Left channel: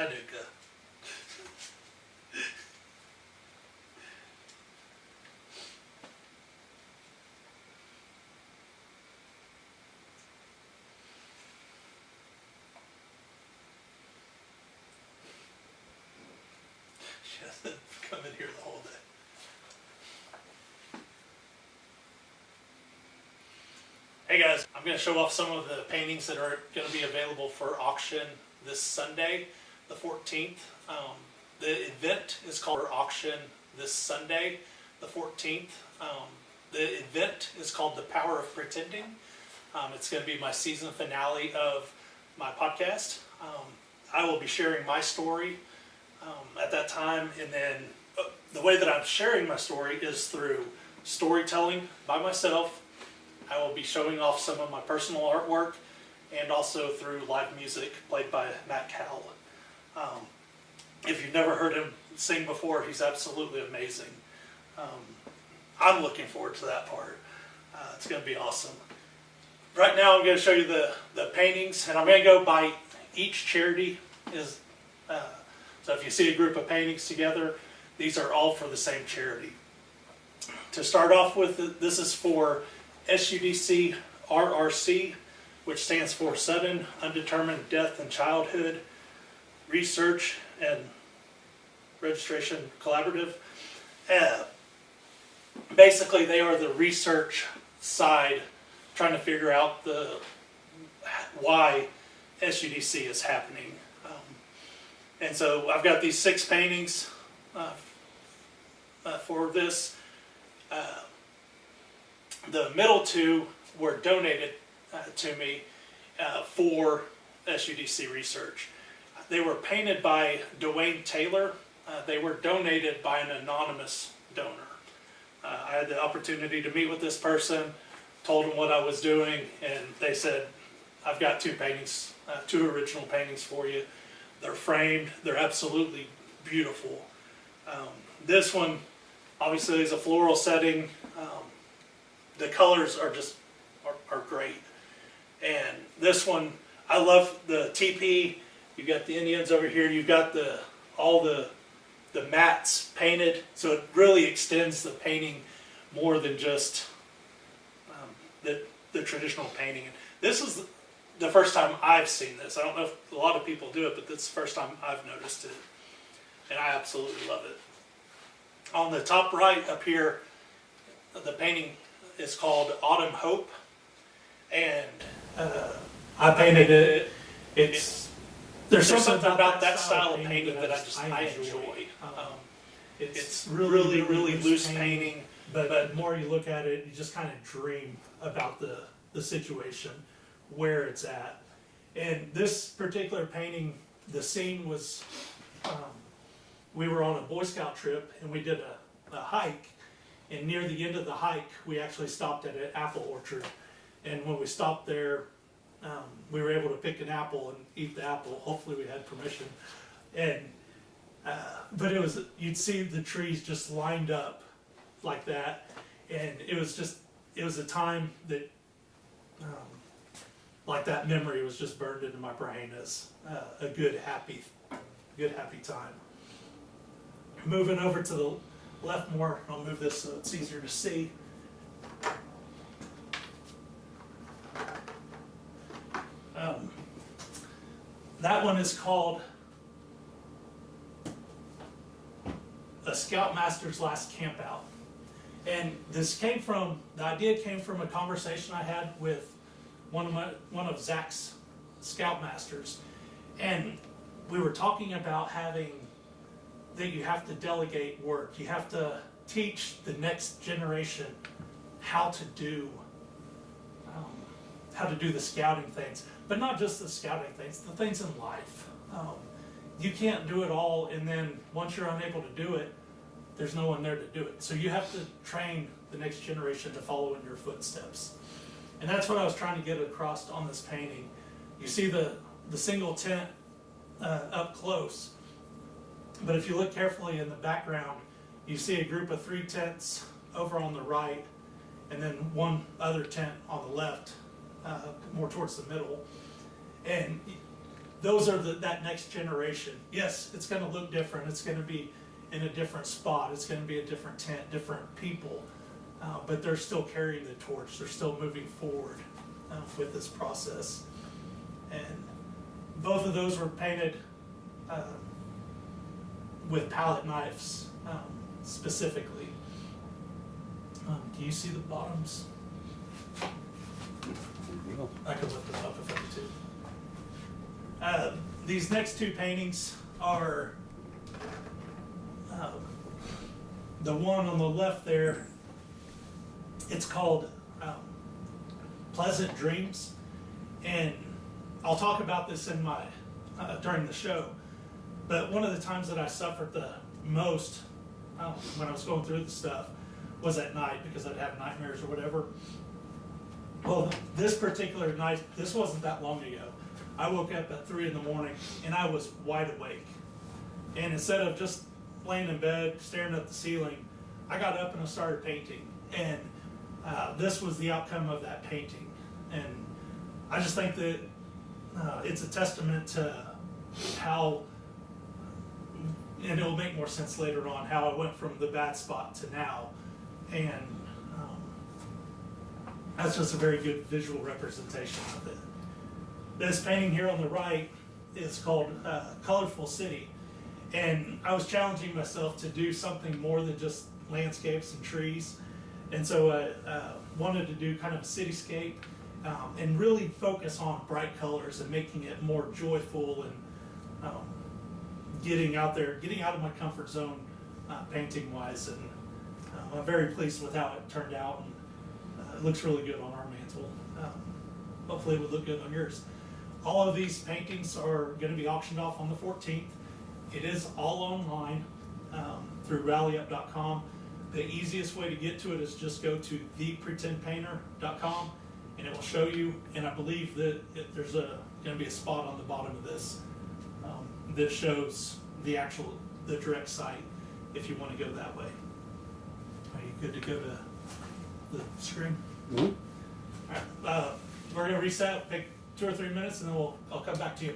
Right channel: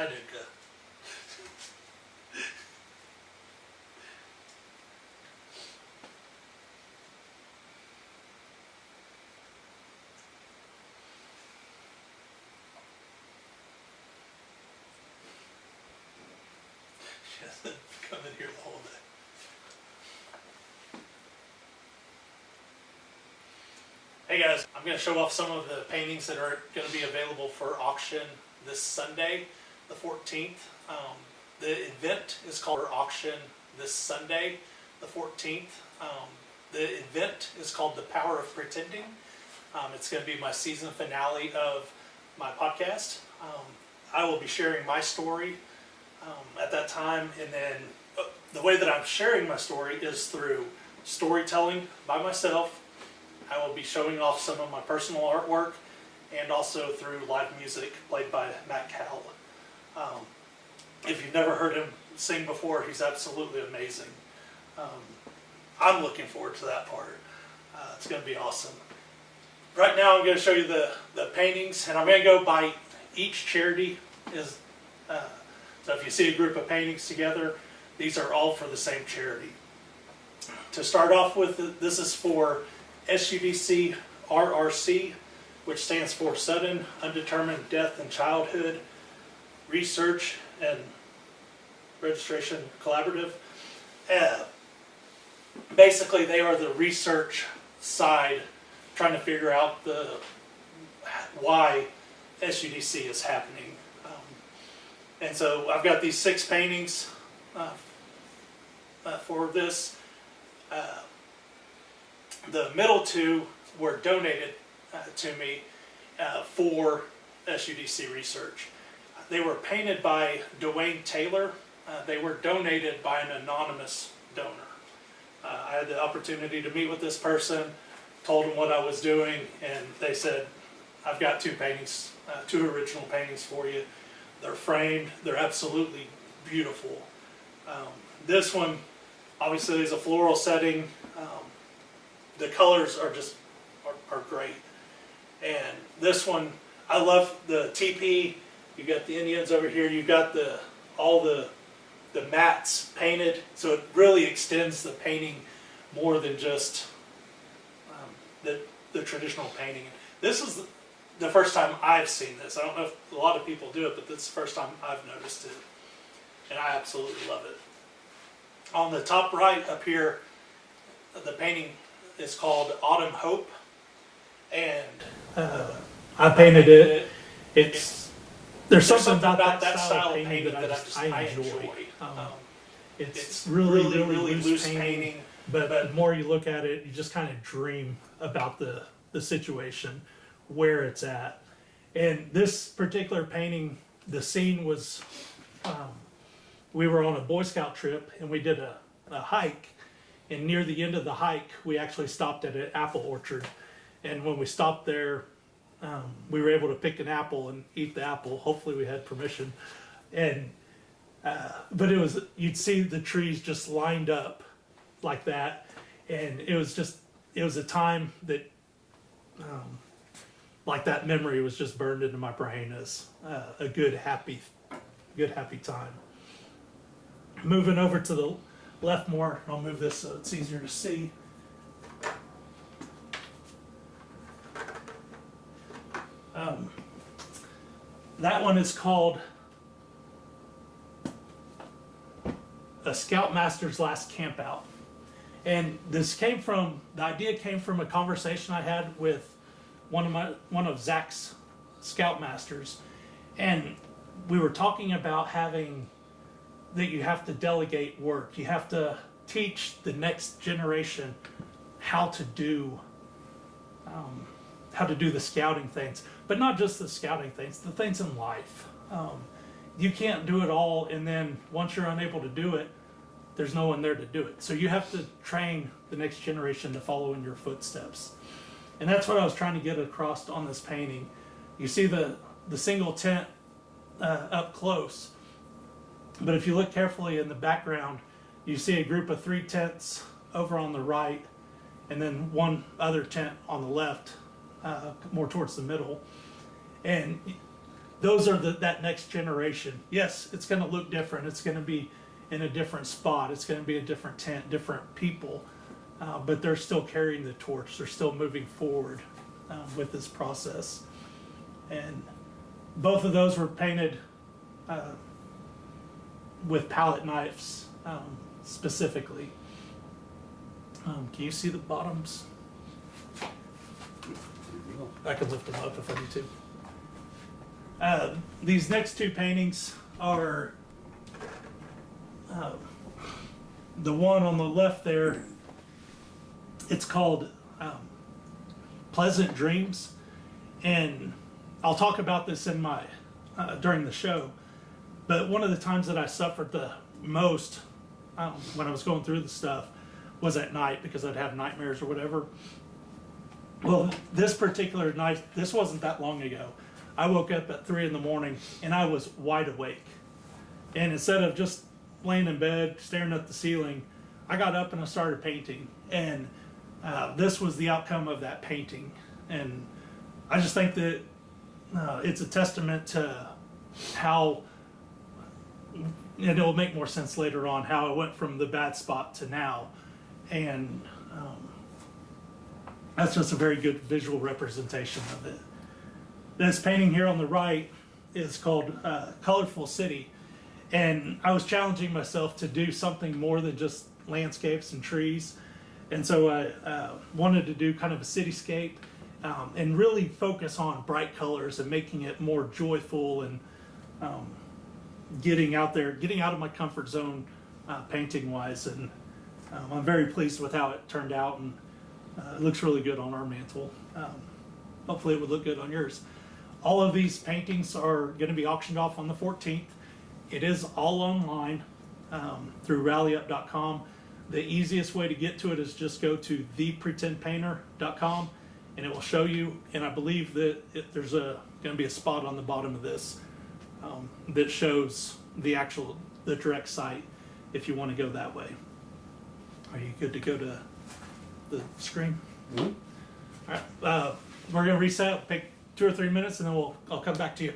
Hanukkah. She hasn't come in here the whole day. Hey guys, I'm going to show off some of the paintings that are going to be available for auction this Sunday, the 14th. The event is called auction this Sunday, the 14th. The event is called The Power of Pretending. It's going to be my season finale of my podcast. I will be sharing my story at that time, and then the way that I'm sharing my story is through storytelling by myself. I will be showing off some of my personal artwork, and also through live music played by Matt Cowell. If you've never heard him sing before, he's absolutely amazing. I'm looking forward to that part. It's going to be awesome. Right now I'm going to show you the paintings, and I'm going to go by each charity. So if you see a group of paintings together, these are all for the same charity. To start off with, this is for SUDC RRC, which stands for Sudden Undetermined Death in Childhood Research and Registration Collaborative. Basically, they are the research side, trying to figure out why SUDC is happening. And so I've got these 6 paintings for this. The middle 2 were donated to me for SUDC research. They were painted by Dwayne Taylor. They were donated by an anonymous donor. I had the opportunity to meet with this person, told them what I was doing, and they said, I've got 2 paintings, 2 original paintings for you. They're framed. They're absolutely beautiful. This one, obviously, is a floral setting. The colors are great. And this one, I love the teepee. You've got the Indians over here. You've got all the mats painted, so it really extends the painting more than just the traditional painting. This is the first time I've seen this. I don't know if a lot of people do it, but this is the first time I've noticed it, and I absolutely love it. On the top right up here, the painting is called Autumn Hope, and I painted it. There's something about that style of painting that I enjoy. It's really loose painting, but the more you look at it, you just kind of dream about the situation, where it's at. And this particular painting, the scene was, we were on a Boy Scout trip, and we did a hike, and near the end of the hike, we actually stopped at an apple orchard. And when we stopped there, we were able to pick an apple and eat the apple. Hopefully we had permission. And but you'd see the trees just lined up like that, and it was a time that like that memory was just burned into my brain as a good happy time. Moving over to the left more, I'll move this so it's easier to see. That one is called A Scoutmaster's Last Campout. And the idea came from a conversation I had with one of Zach's Scoutmasters. And we were talking about that you have to delegate work. You have to teach the next generation how to do the scouting things, but not just the scouting things, the things in life. You can't do it all, and then once you're unable to do it, there's no one there to do it. So you have to train the next generation to follow in your footsteps. And that's what I was trying to get across on this painting. You see the single tent up close, but if you look carefully in the background, you see a group of 3 tents over on the right, and then one other tent on the left, more towards the middle. And those are that next generation. Yes, it's going to look different. It's going to be in a different spot. It's going to be a different tent, different people, but they're still carrying the torch. They're still moving forward with this process. And both of those were painted with palette knives specifically. Can you see the bottoms? I could lift them up if I need to. These next two paintings are the one on the left there. It's called Pleasant Dreams, and I'll talk about this in my during the show. But one of the times that I suffered the most when I was going through the stuff was at night, because I'd have nightmares or whatever. Well, this particular night, this wasn't that long ago. I woke up at 3 in the morning and I was wide awake. And instead of just laying in bed staring at the ceiling, I got up and I started painting. And this was the outcome of that painting. And I just think that it's a testament to how, and it'll make more sense later on, how I went from the bad spot to now. And that's just a very good visual representation of it. This painting here on the right is called Colorful City. And I was challenging myself to do something more than just landscapes and trees. And so I wanted to do kind of a cityscape and really focus on bright colors and making it more joyful and getting out there, getting out of my comfort zone painting wise. And I'm very pleased with how it turned out, and it looks really good on our mantle. Hopefully it would look good on yours. All of these paintings are going to be auctioned off on the 14th. It is all online through rallyup.com. The easiest way to get to it is just go to thepretendpainter.com and it will show you. And I believe that there's going to be a spot on the bottom of this that shows the direct site if you want to go that way. Are you good to go to the screen? Mm-hmm. All right, we're going to reset, take 2 or 3 minutes, and then I'll come back to you.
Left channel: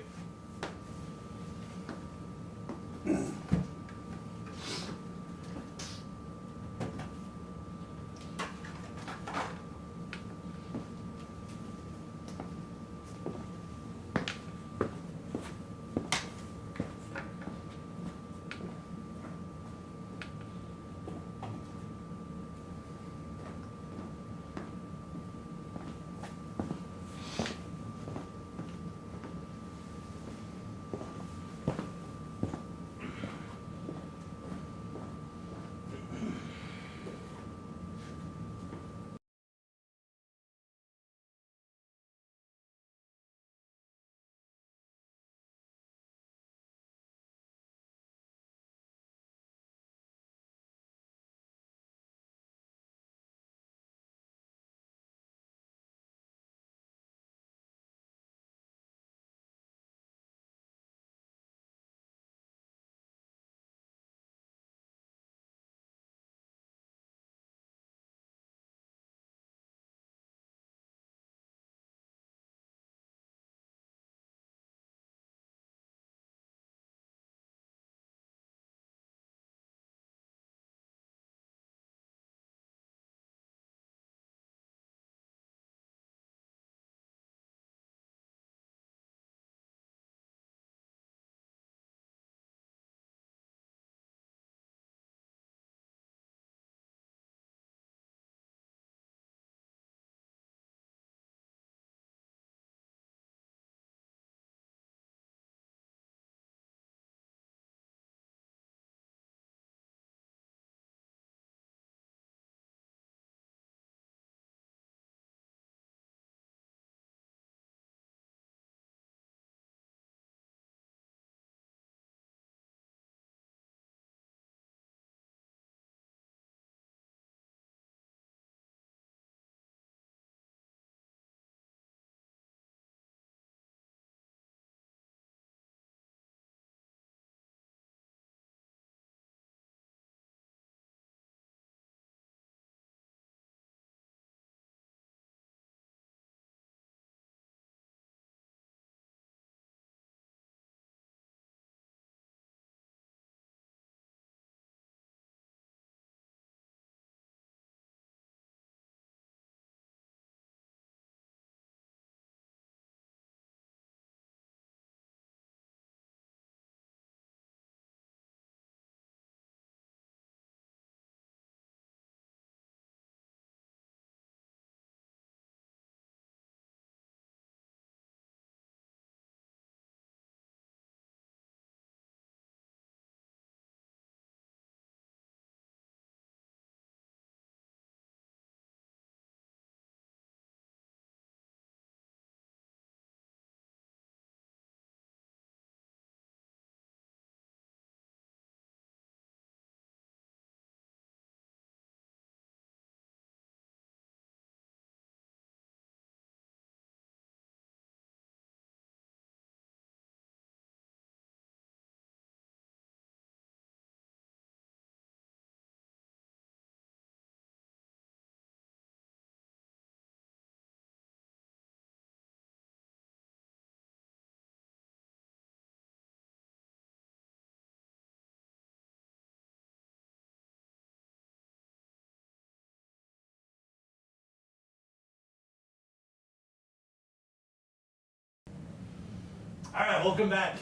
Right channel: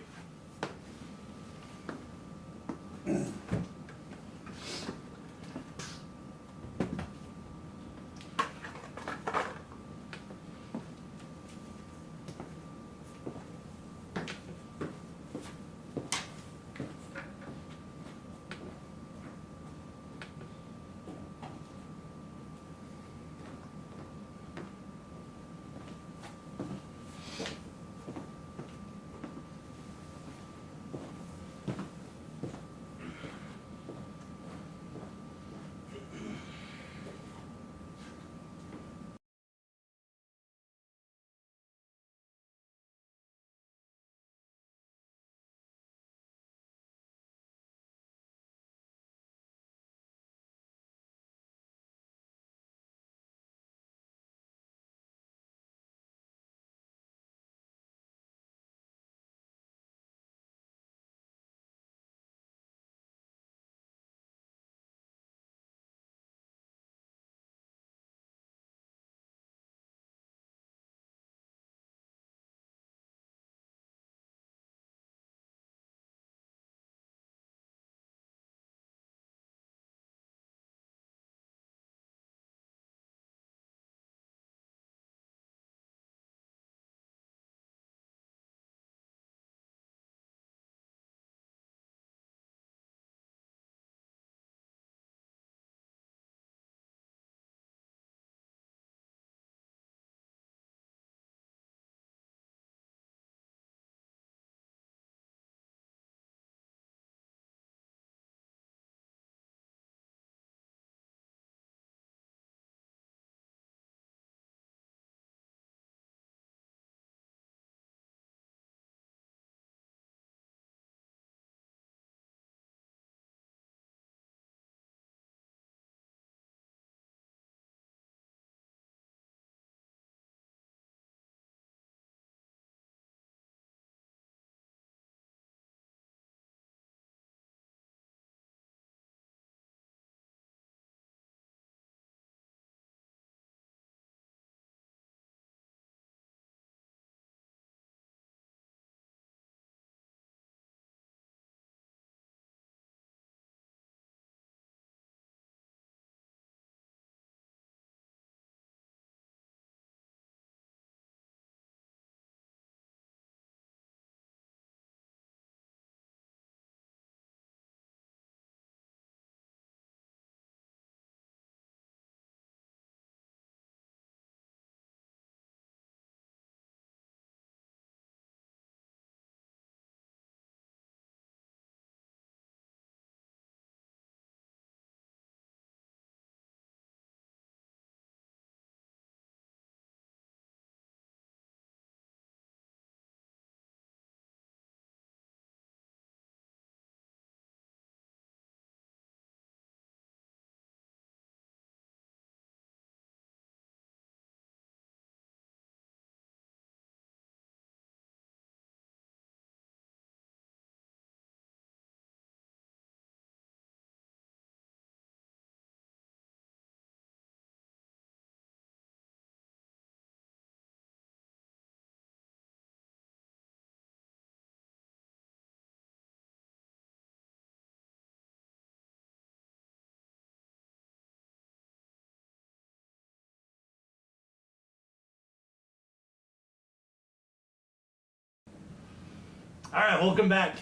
All right, welcome back.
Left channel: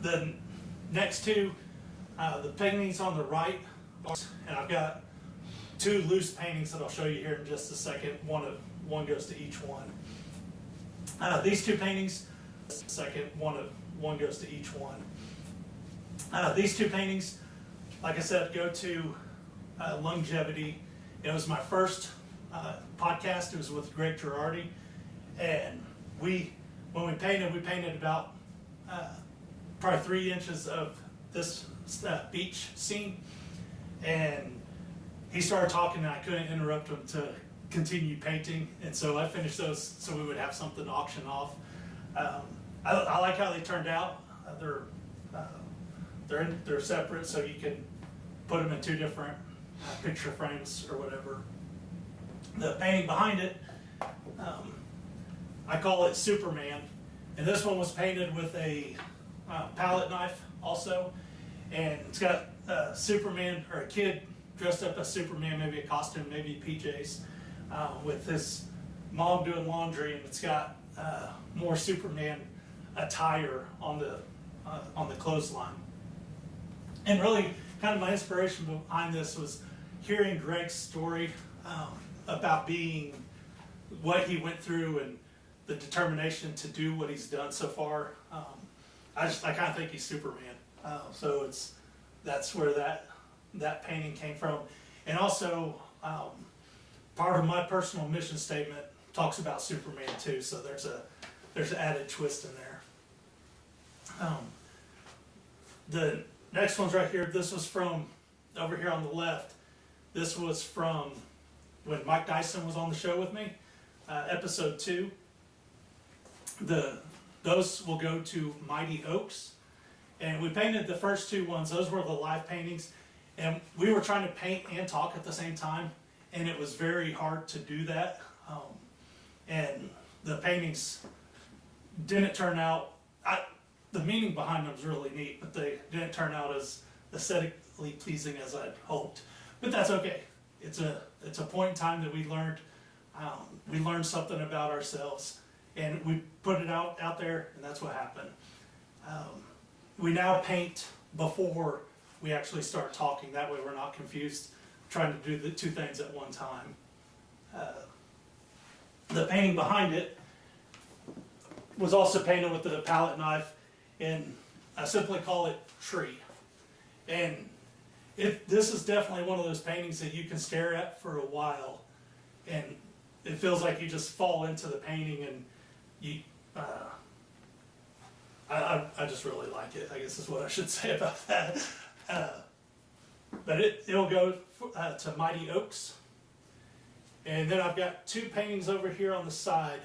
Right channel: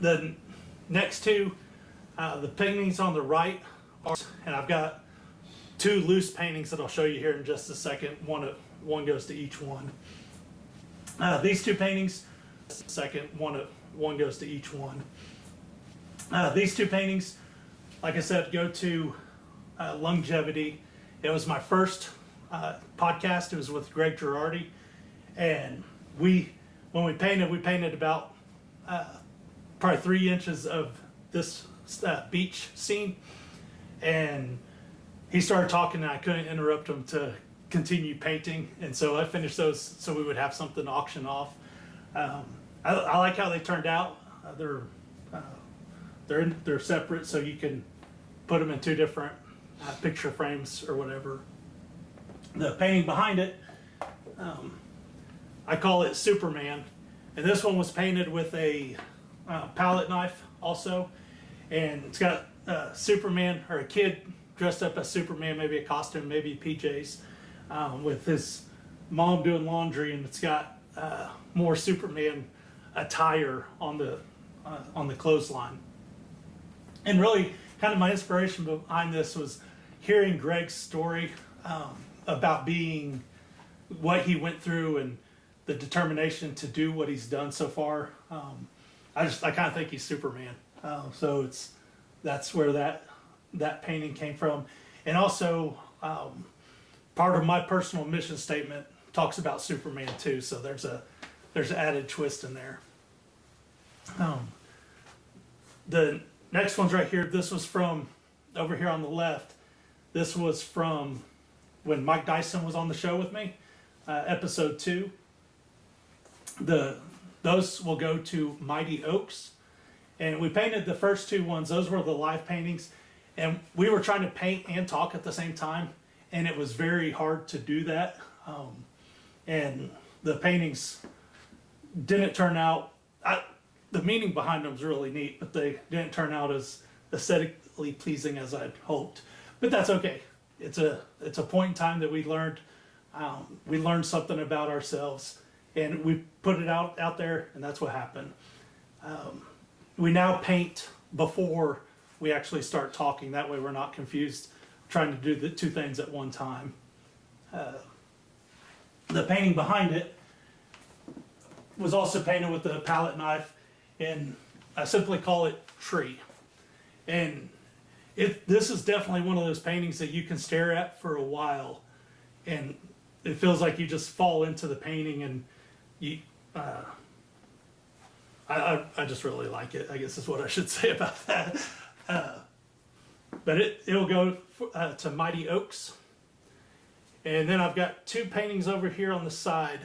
The next two, the paintings on the right, and I've got two loose paintings that I'll show you here in just a second. One goes to each one. These two paintings, one goes to each one. These two paintings, like I said, go to Longevity. It was my first podcast. It was with Greg Girardi, and when we painted about probably 3 inches of this beach scene, and he started talking, and I couldn't interrupt him to continue painting, and so I finished those so we would have something to auction off. I like how they turned out. They're separate, so you can put them in two different picture frames or whatever. The painting behind it, I call it Superman, and this one was painted with a palette knife also, and it's got Superman, or a kid dressed up as Superman, maybe a costume, maybe PJs, with his mom doing laundry, and it's got more Superman attire on the clothesline. And really, kind of my inspiration behind this was hearing Greg's story about being what he went through and the determination to do what he's done so far. I kind of think he's Superman. So that's where that painting came from. And also, part of my personal mission statement talks about Superman too. So there's an added twist in there. The next one's right here. This was from over here on the left. This was from when Mike Dyson was on the show with me, episode 2. Those will go to Mighty Oaks. And we painted the first two ones. Those were the live paintings. And we were trying to paint and talk at the same time. And it was very hard to do that. And the paintings didn't turn out, the meaning behind them was really neat, but they didn't turn out as aesthetically pleasing as I'd hoped. But that's okay. It's a point in time that we learned something about ourselves, and we put it out there, and that's what happened. We now paint before we actually start talking. That way we're not confused trying to do the two things at one time. The painting behind it was also painted with the palette knife, and I simply call it Tree. And this is definitely one of those paintings that you can stare at for a while, and it feels like you just fall into the painting, and I just really like it, I guess is what I should say about that. But it'll go to Mighty Oaks. And then I've got two paintings over here on the side.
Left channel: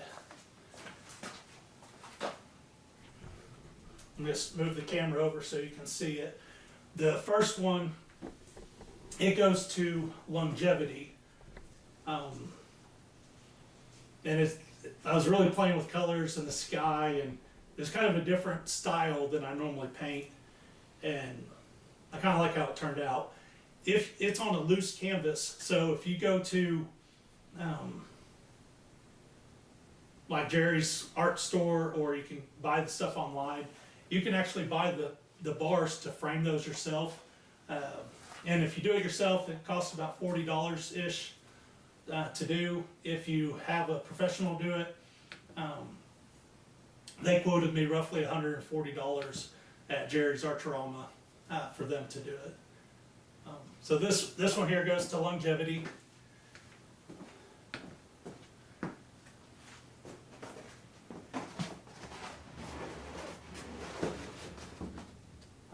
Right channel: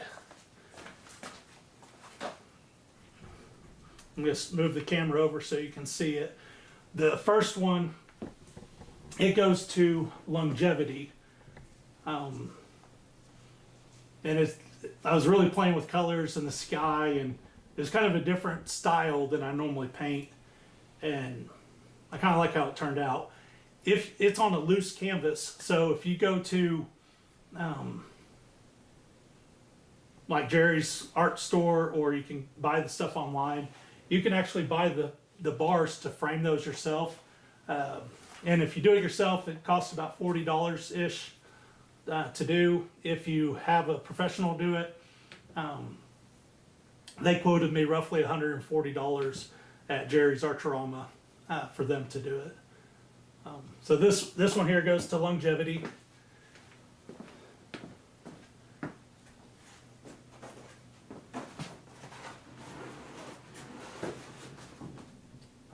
I'm going to move the camera over so you can see it. The first one, it goes to Longevity. And I was really playing with colors in the sky, and it's kind of a different style than I normally paint. And I kind of like how it turned out. If it's on a loose canvas, so if you go to like Jerry's art store, or you can buy the stuff online, you can actually buy the bars to frame those yourself. And if you do it yourself, it costs about $40-ish to do. If you have a professional do it, they quoted me roughly $140 at Jerry's Artorama for them to do it. So this one here goes to Longevity.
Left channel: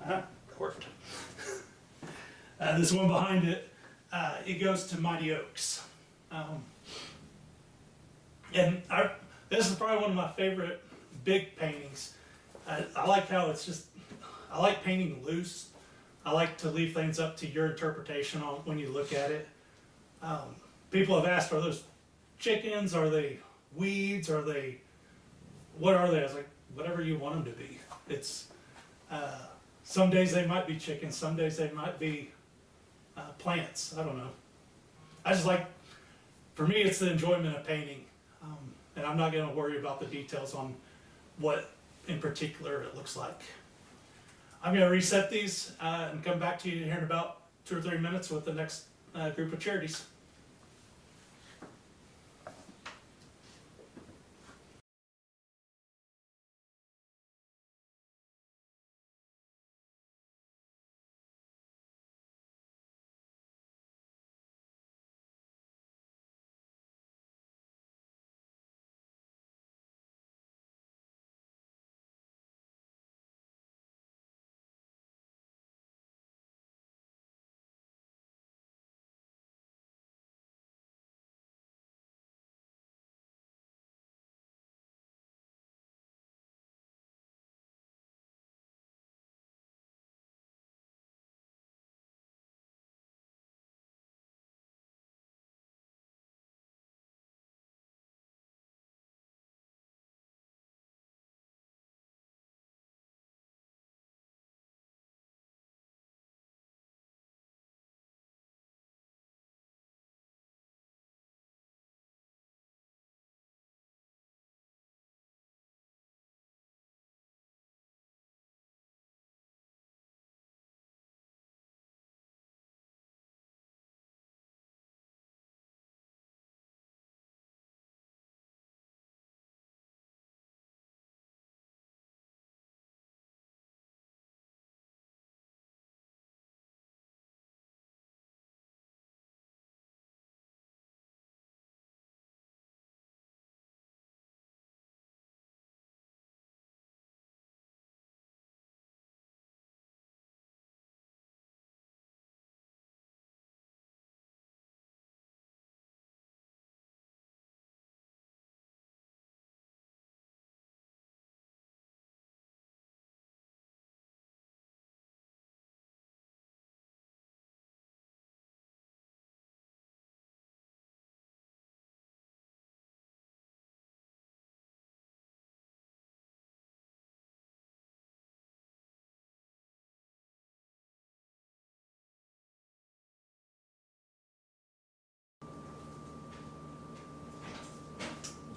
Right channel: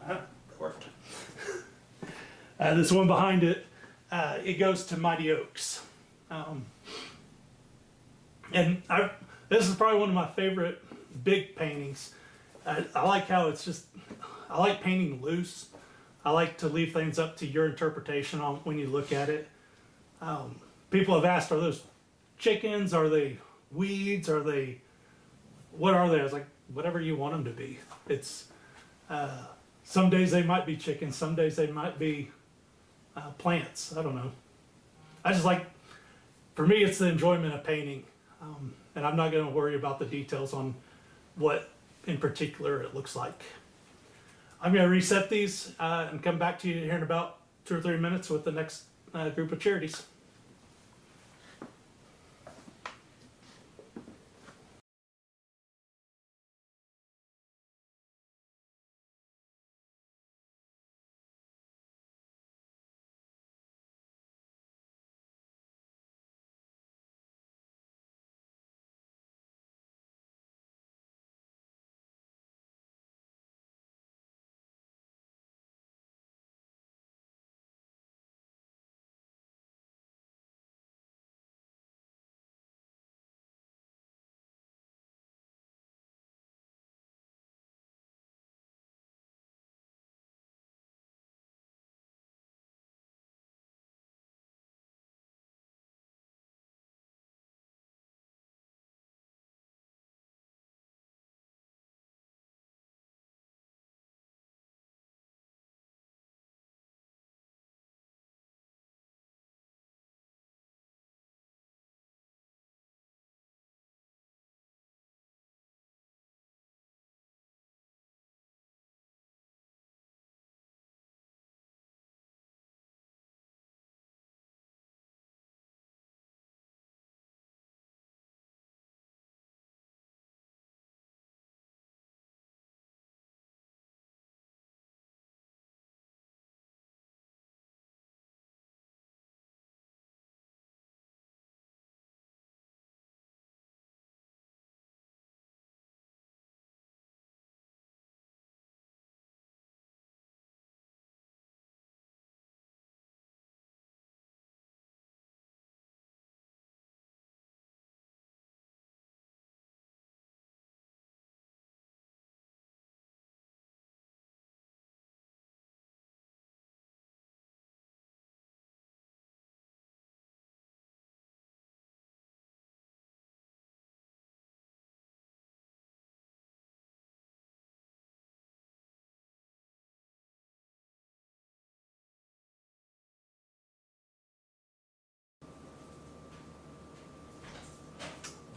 That worked. This one behind it, it goes to Mighty Oaks. And this is probably one of my favorite big paintings. I like how I like painting loose. I like to leave things up to your interpretation on when you look at it. People have asked, are those chickens? Are they weeds? What are they? I was like, whatever you want them to be. It's, some days they might be chickens, some days they might be plants. I don't know. I just like, for me, it's the enjoyment of painting. And I'm not going to worry about the details on what in particular it looks like. I'm going to reset these and come back to you here in about 2 or 3 minutes with the next group of charities.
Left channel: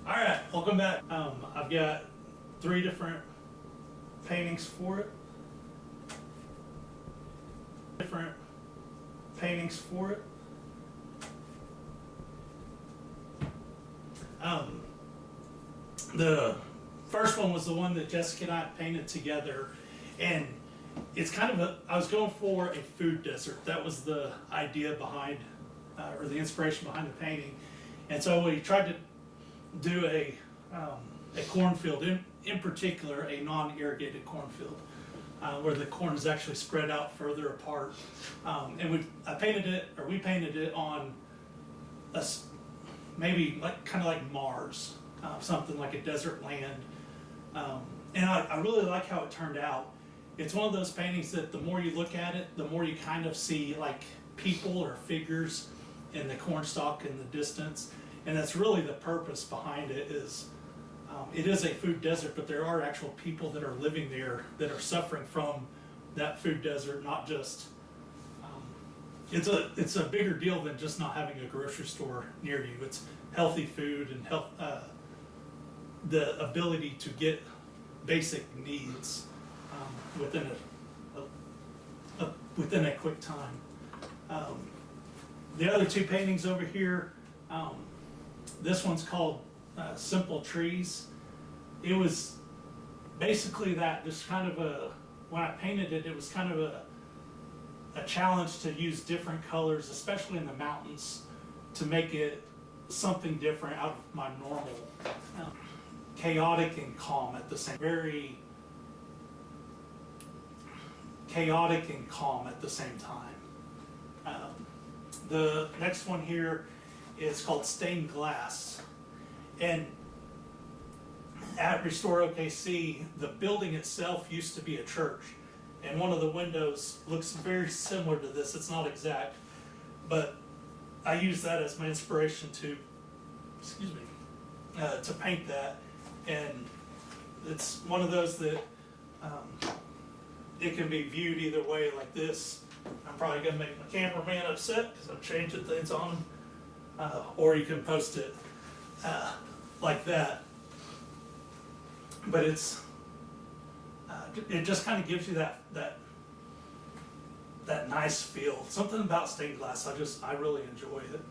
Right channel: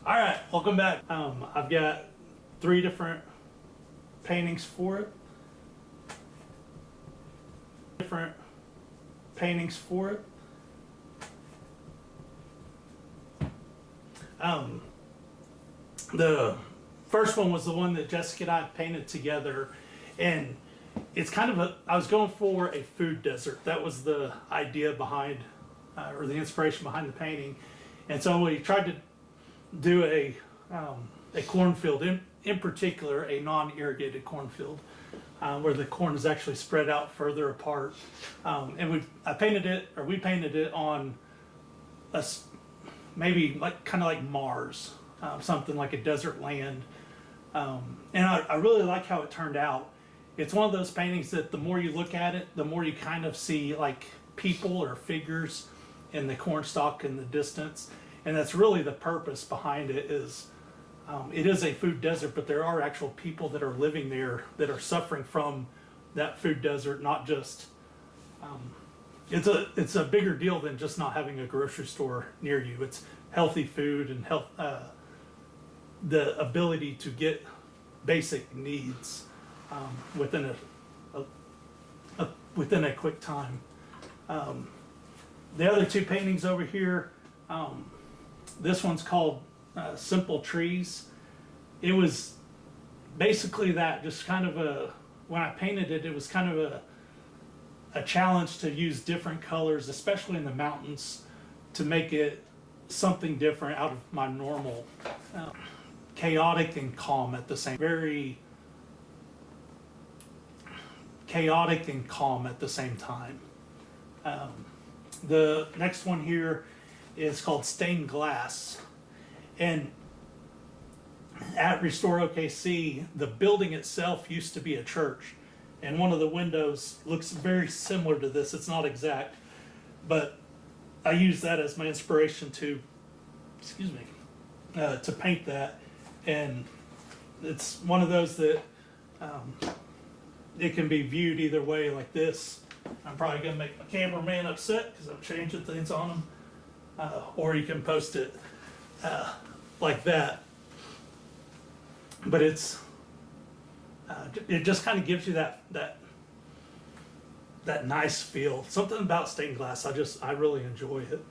All right, welcome back. I've got 3 different paintings for it. The first one was the one that Jessica and I painted together, and it's kind of I was going for a food desert. That was the idea behind, or the inspiration behind the painting. And so we tried to do a cornfield, in particular a non-irrigated cornfield, where the corn is actually spread out further apart. And we painted it on maybe kind of like Mars, something like a desert land. And I really like how it turned out. It's one of those paintings that the more you look at it, the more you kind of see like people or figures in the corn stalk in the distance. And that's really the purpose behind it is, it is a food desert, but there are actual people that are living there that are suffering from that food desert, not just, it's a bigger deal than just not having a grocery store near you. It's healthy food and the ability to get basic needs within a quick time. The other 2 paintings over here, this one's called Simple Trees. It was basically that, just kind of when I painted it, it was kind of a challenge to use different colors, especially in the mountains, to make it something different out of my normal, chaotic and calm at the same, very chaotic and calm at the same time. The next one here is called Stained Glass. And at Restore OKC, the building itself used to be a church. And one of the windows looks very similar to this. It's not exact, but I use that as my inspiration to paint that. And it's one of those that it can be viewed either way, like this. I'm probably going to make my cameraman upset because I'm changing things on him. Or you can post it like that. But it's It just kind of gives you that nice feel. Something about stained glass, I really enjoy it.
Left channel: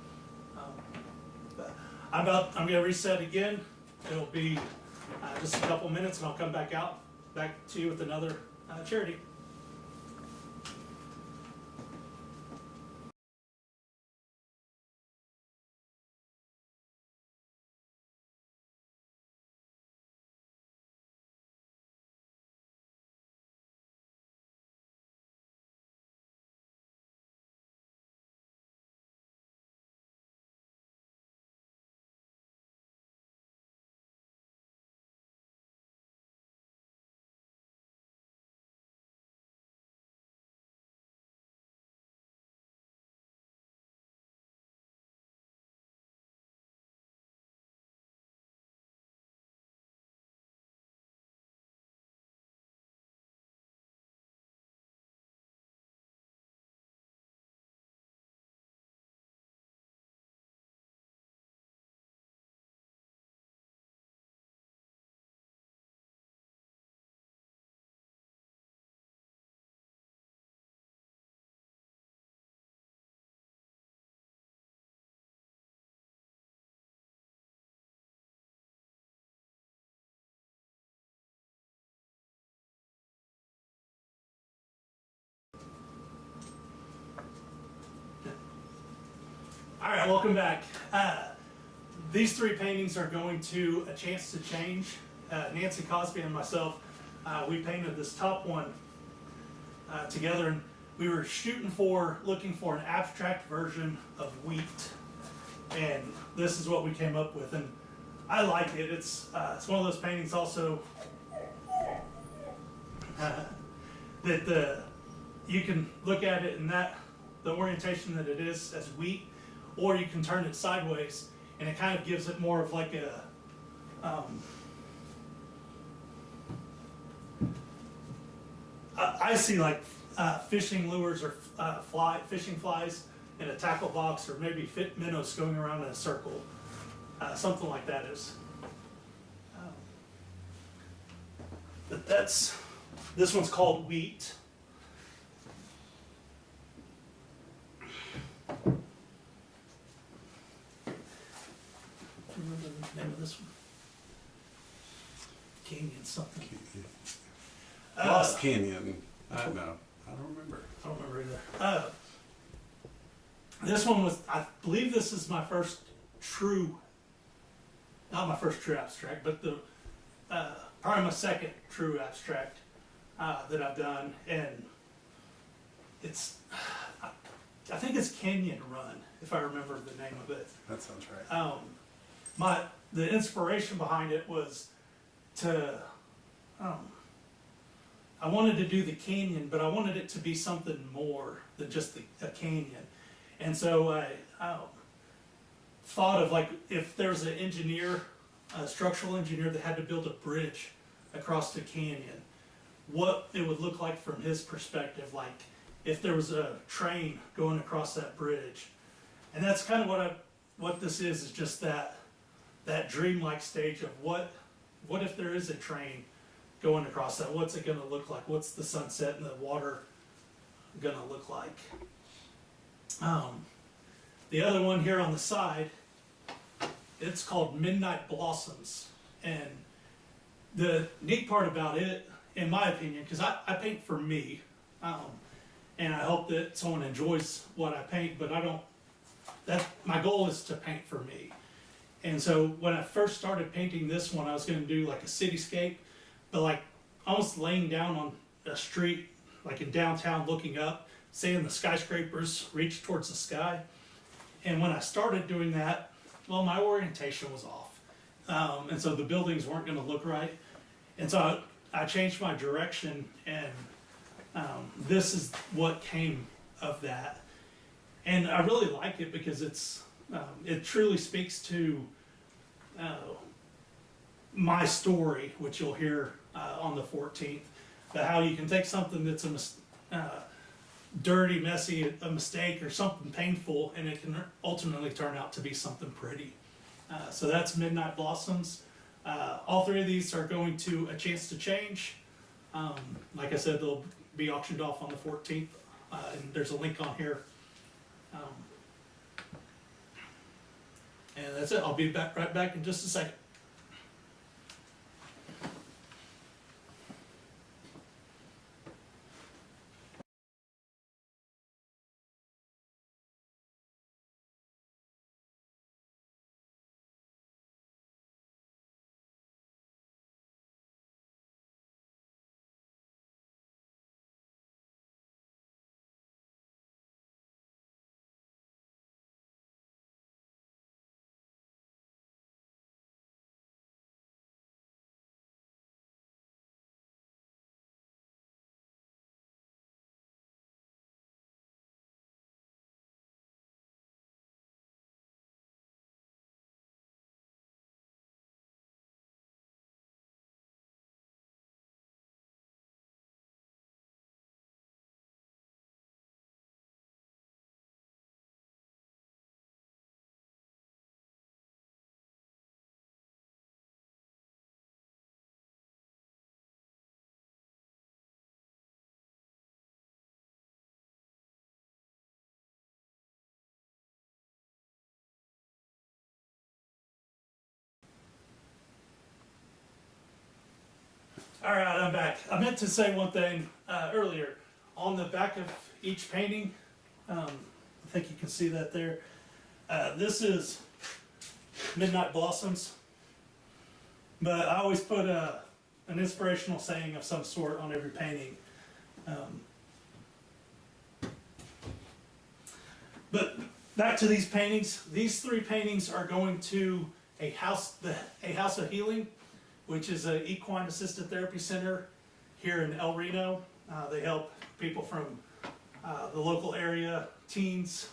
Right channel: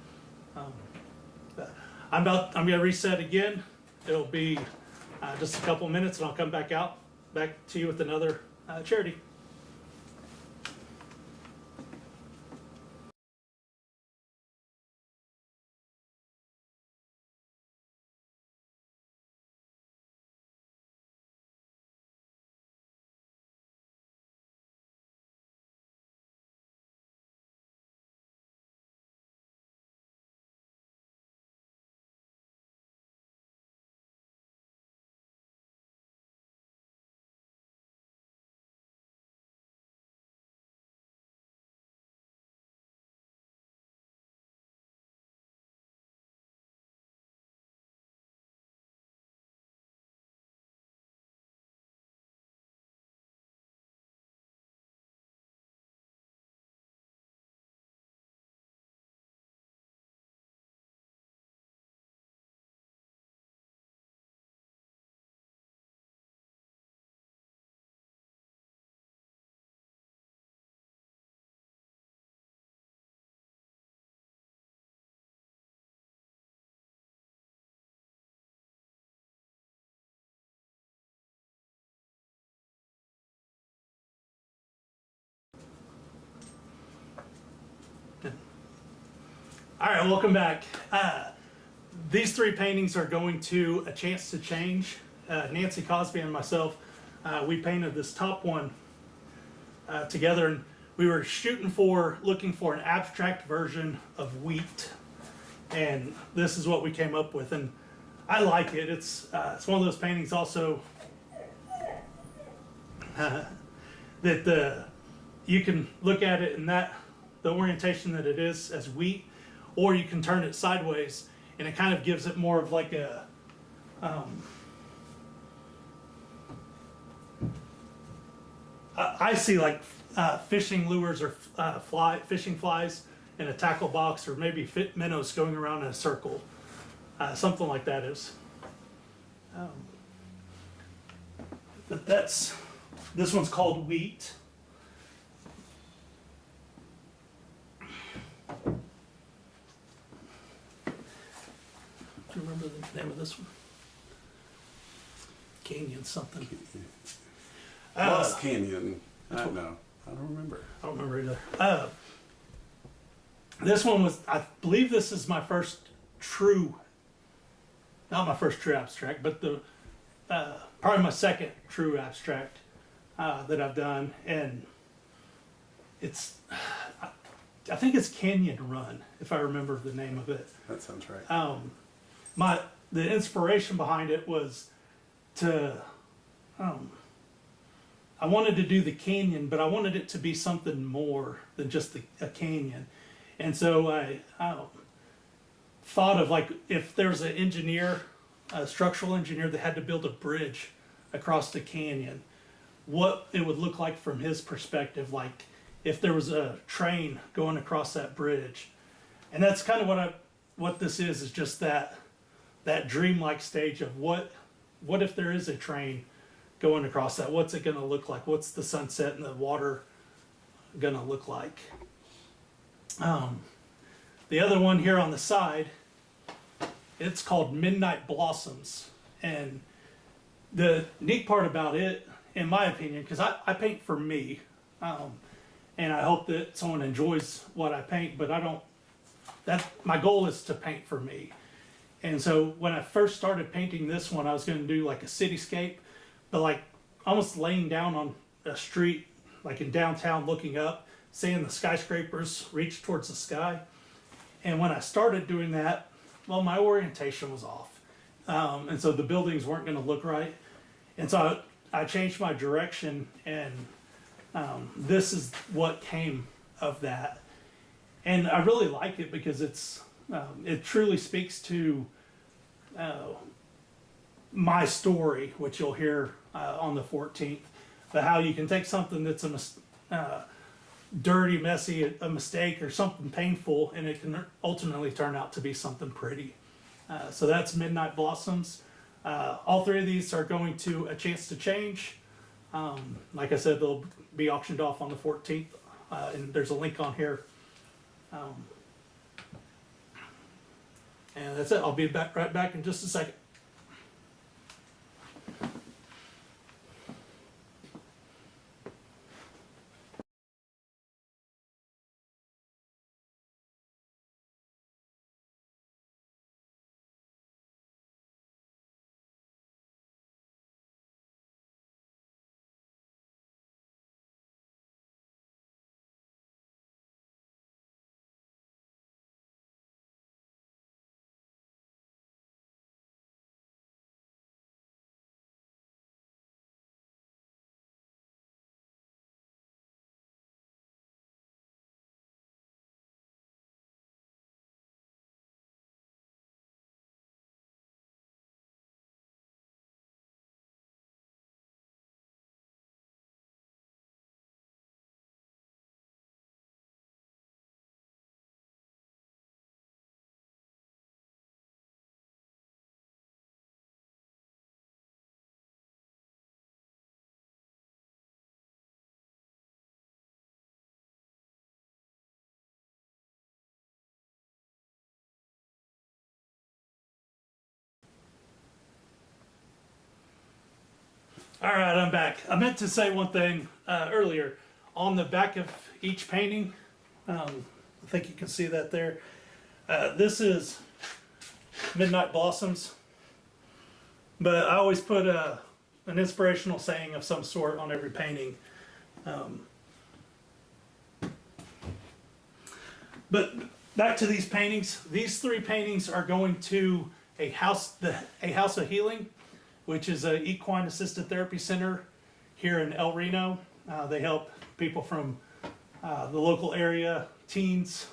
But I'm going to reset again. It'll be just a couple minutes, and I'll come back to you with another charity. All right, welcome back. These three paintings are going to A Chance to Change. Nancy Cosby and myself, we painted this top one together, and we were looking for an abstract version of wheat, and this is what we came up with. And I like it. It's one of those paintings also that you can look at it in the orientation that it is as wheat, or you can turn it sideways, and it kind of gives it more of like a I see like fishing lures or fishing flies in a tackle box, or maybe minnows going around in a circle, something like that is. But this one's called Wheat. Do you remember the name of this one? Canyon something. Lost Canyon. I don't remember. I don't remember either. This one was, I believe this is my first not my first true abstract, but probably my second true abstract that I've done. And I think it's Canyon Run, if I remember the name of it. That sounds right. The inspiration behind it was I wanted to do the canyon, but I wanted it to be something more than just a canyon. And so I thought of, like, if there's a structural engineer that had to build a bridge across the canyon, what it would look like from his perspective, like if there was a train going across that bridge. And that's kind of what this is just that dreamlike stage of what if there is a train going across that? What's it going to look like? What's the sunset and the water going to look like? The other one here on the side, it's called Midnight Blossoms. And the neat part about it, in my opinion, because I paint for me, and I hope that someone enjoys what I paint, but my goal is to paint for me. And so when I first started painting this one, I was going to do like a cityscape, but like almost laying down on a street, like in downtown, looking up, seeing the skyscrapers reach towards the sky. And when I started doing that, well, my orientation was off. And so the buildings weren't going to look right. And so I changed my direction, and this is what came of that. And I really like it because it truly speaks to my story, which you'll hear on the 14th, but how you can take something that's dirty, messy, a mistake, or something painful, and it can ultimately turn out to be something pretty. So that's Midnight Blossoms. All three of these are going to A Chance to Change. Like I said, they'll be auctioned off on the 14th, and there's a link on here. And that's it. I'll be right back in just a second. All right, I'm back. I meant to say one thing earlier. On the back of each painting, I think you can see that there. This is Midnight Blossoms, but I always put an inspirational saying of some sort on every painting. But back to these paintings. These 3 paintings are going to a house of healing, which is an equine assisted therapy center here in El Reno. They help people from the local area, teens,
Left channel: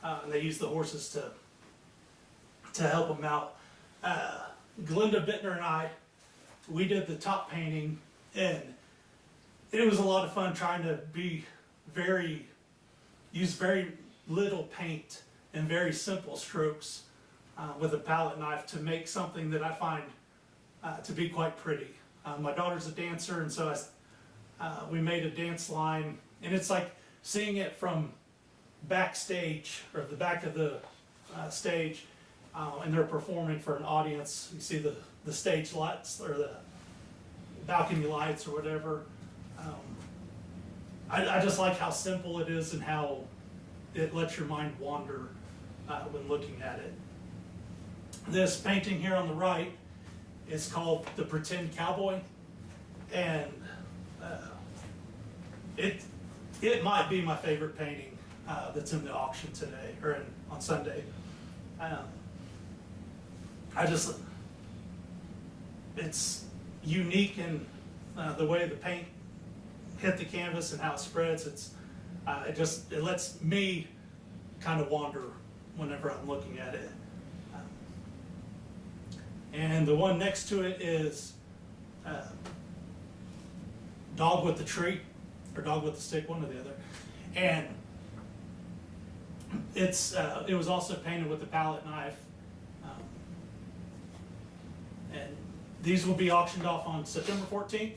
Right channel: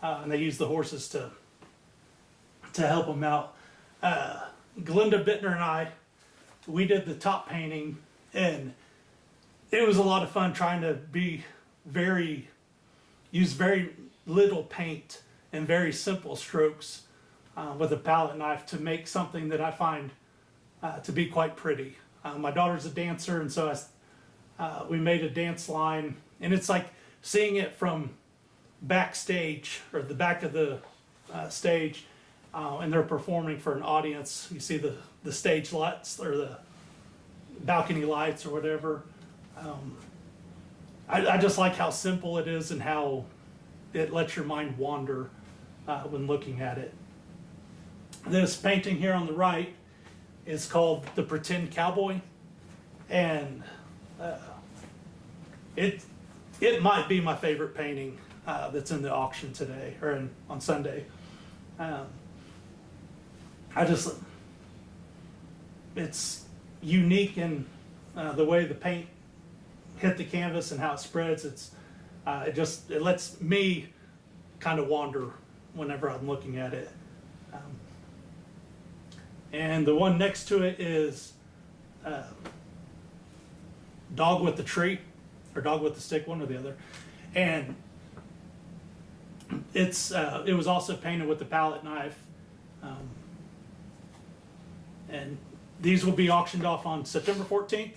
and they use the horses to help them out. Glinda Bittner and I, we did the top painting, and it was a lot of fun trying to use very little paint and very simple strokes with a palette knife to make something that I find to be quite pretty. My daughter's a dancer, and so we made a dance line, and it's like seeing it from backstage, or the back of the stage, and they're performing for an audience. You see the stage lights, or the balcony lights, or whatever. I just like how simple it is and how it lets your mind wander when looking at it. This painting here on the right is called The Pretend Cowboy, and it might be my favorite painting that's in the auction today, or on Sunday. It's unique in the way the paint hit the canvas and how it spreads. It lets me kind of wander whenever I'm looking at it. And the one next to it is Dog with the Tree, or Dog with the Stick, one or the other. And it was also painted with the palette knife. And these will be auctioned off on September 14th.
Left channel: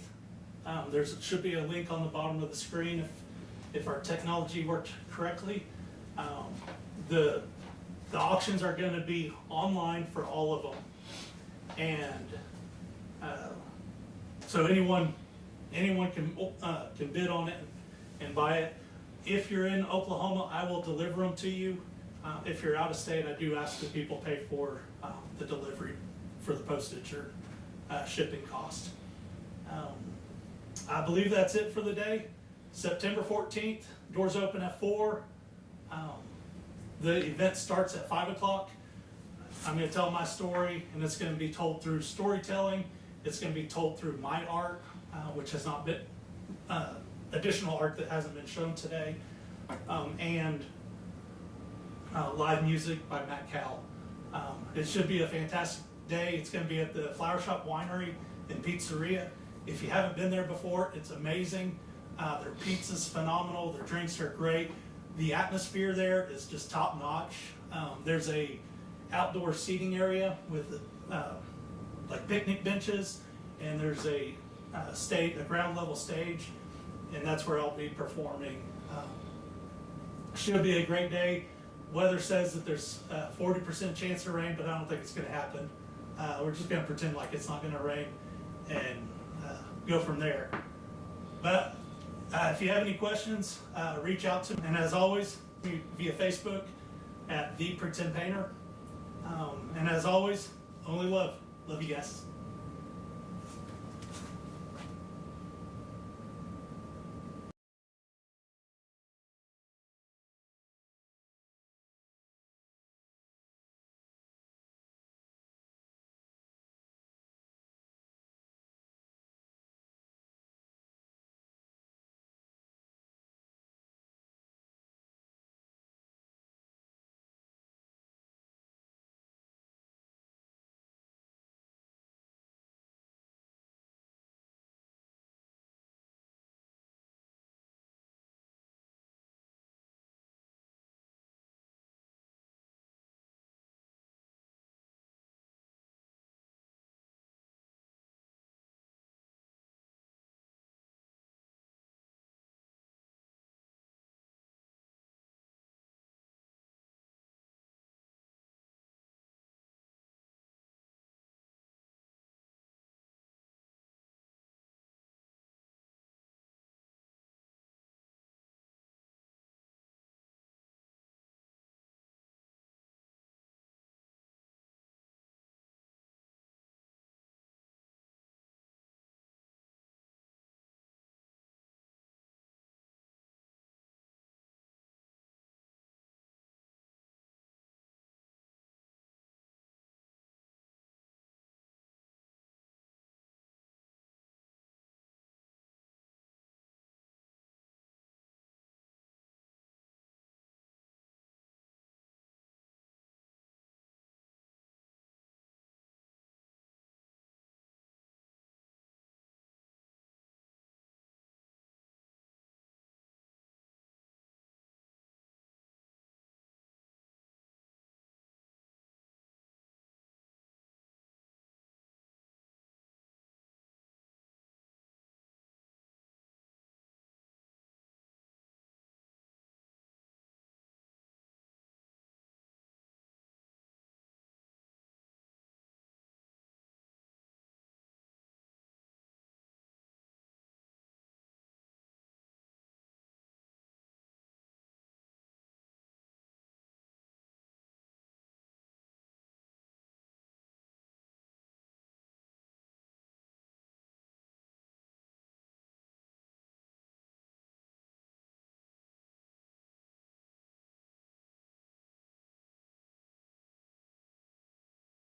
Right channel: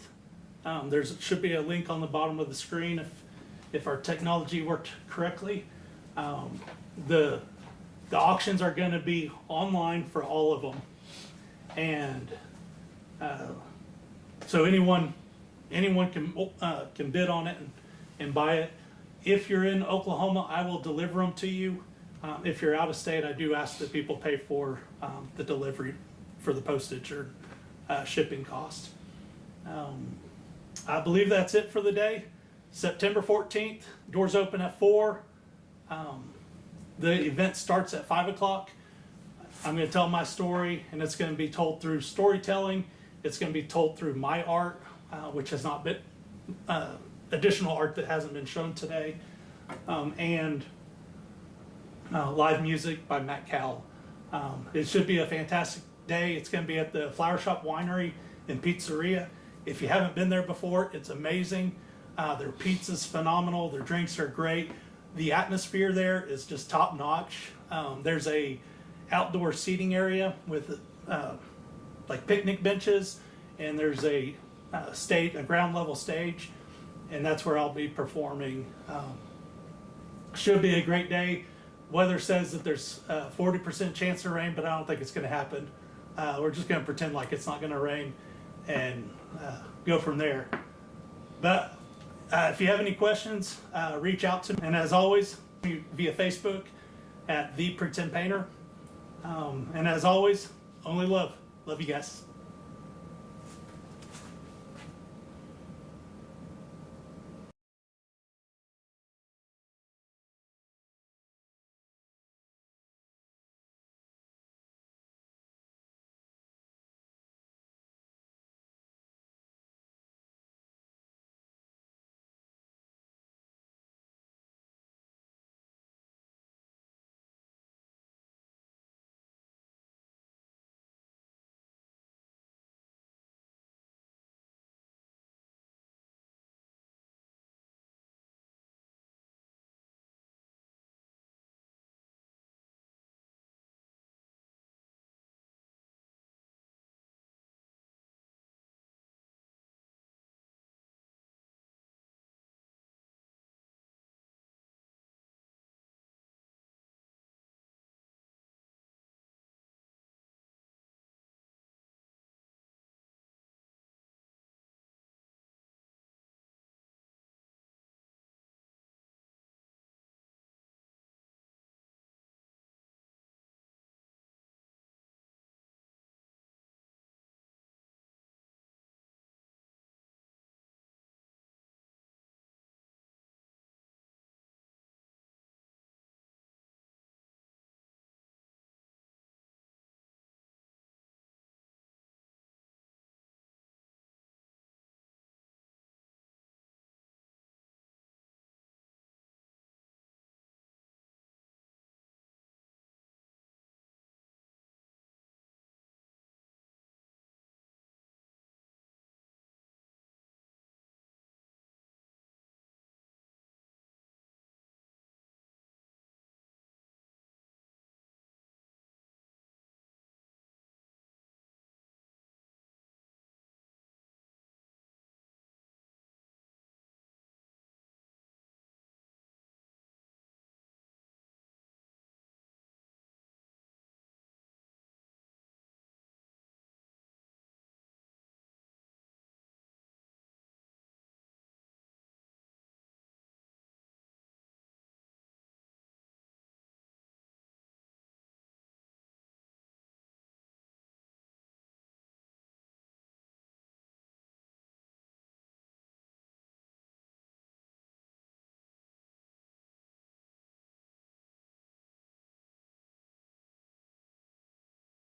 There should be a link on the bottom of the screen if our technology worked correctly. The auctions are going to be online for all of them. And so anyone can bid on it and buy it. If you're in Oklahoma, I will deliver them to you. If you're out of state, I do ask that people pay for the delivery, for the postage or shipping cost. I believe that's it for the day. September 14th, doors open at 4. The event starts at 5 o'clock. I'm going to tell my story, and it's going to be told through storytelling. It's going to be told through my art, which has not been additional art that hasn't been shown today, and live music by Matt Cowell. It should be a fantastic day. It's going to be at the Flower Shop Winery and Pizzeria. If you haven't been there before, it's amazing. Their pizza's phenomenal. Their drinks are great. The atmosphere there is just top notch. There's a outdoor seating area with like picnic benches, and there's a a ground level stage, and that's where I'll be performing. Should be a great day. Weather says that there's a 40% chance of rain, but I don't think it's going to happen. We're just going to pretend like it's not going to rain and go from there. But if you have any questions, reach out to me. And as always, via Facebook at The Pretend Painter. And as always, only love. Love you guys.